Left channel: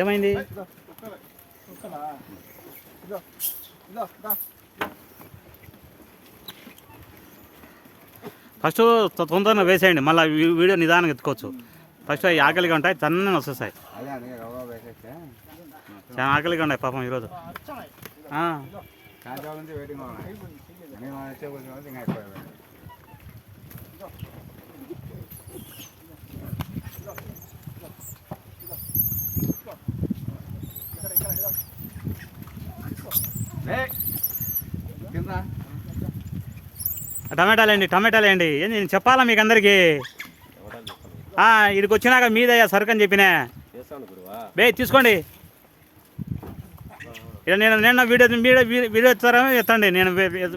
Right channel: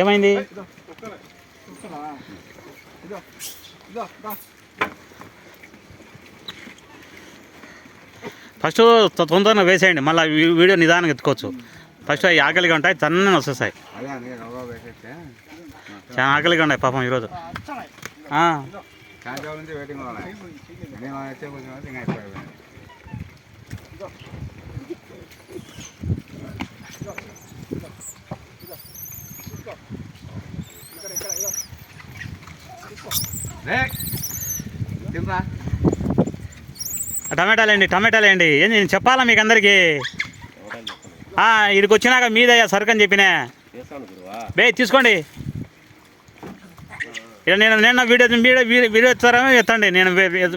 ఏమైంది? ఫస్ట్ తొందరగా వేసేయండి, మళ్ళీ వీడియో నిదానంగా ఎత్తుకోవచ్చు. ఫస్ట్ అవి ఆకలిగా ఉంటాయి, తన్నని వస్తాయి. చాలా ఆకలిగా ఉన్నాయి పాపం ఈరోజు. టమాటాలు అండి ఏంది నేను చెప్పాలా మీకు అందరికీ? ఇక్కడికి వచ్చినాక మీదయ్యా సరుకు అని చెప్పినా బే తీసుకోండి. ఇక నేను వీడియో ఎత్తారా ఎత్తండి, నేను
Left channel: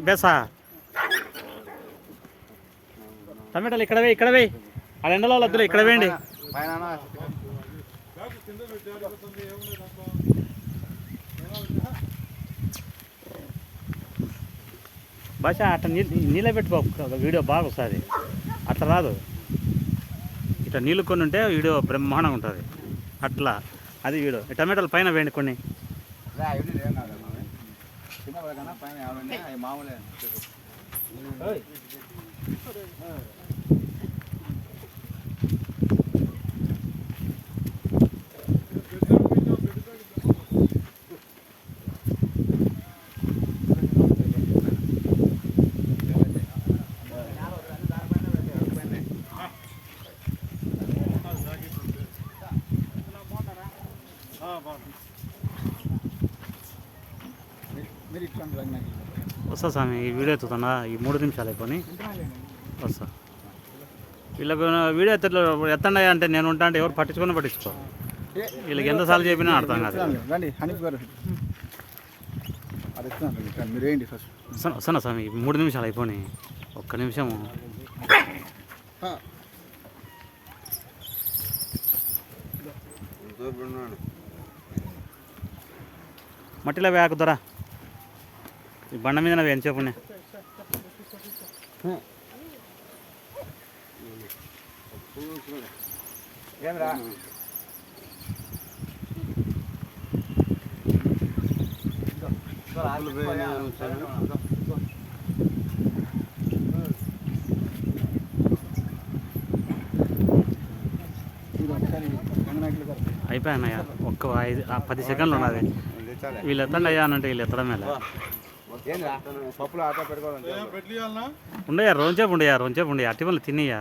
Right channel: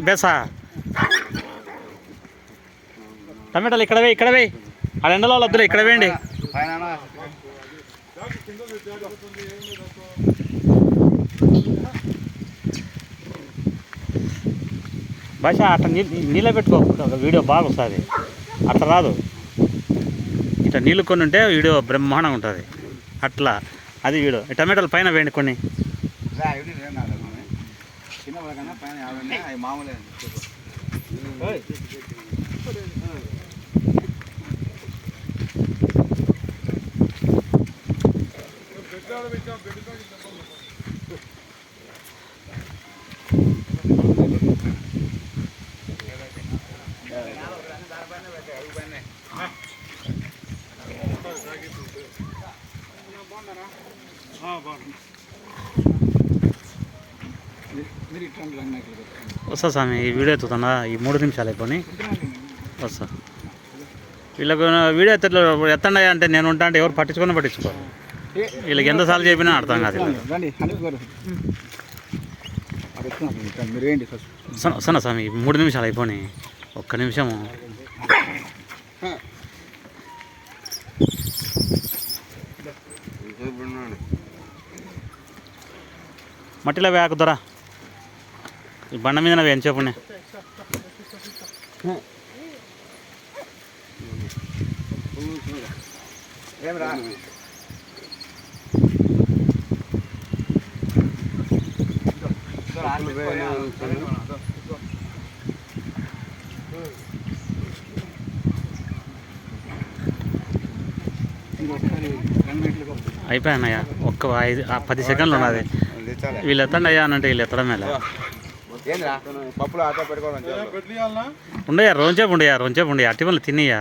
బేసా. టమాటాలు ఇక్కడ వేయి, ఆ ఎండలో వద్దులే, ఇక్కడ వేయండి. భాష అట్లా నీళ్ళ పెట్టుకో, వీడియో బాగా వస్తుంది. అట్లా రాదు, ఇట్లా నీళ్ళు కొన్ని ఉంటే వీడియో బ్రహ్మాండంగా ఉంటుంది. అట్లా అది వీడియో. టమాటాలు పైన వేయండి కొన్ని. వస్తా స్వామి, ఈ వీడియో ఎత్తుతున్నా, ఈ 3 నిమిషాలు అయిపోయి వస్తా. వీళ్ళకు వీడియో ఎత్తండి అంటే నేను ఉంటా అంటే ఎవరు పట్టించుకో. వీళ్ళకి ఎంతసార్లు చెప్పినా అర్థం కాదు. వస్తున్నా స్వామి, 3 నిమిషాలు అయిపోయి, ఒక్క నిమిషము. మట్టిలో వేకుదరా, ఈ బండ మీద వేయం చెప్పునే. అయిపోయానయ్యా, ఒక్క 10 సెకండ్లు ఉన్నది. వీళ్ళు ఎత్తండి అయ్యా అంటే వీళ్ళు ఎత్తడం మీద ఉండయా, రోజుసేపు ఉండయా అట్టి పనులు తిన్నయ్యా.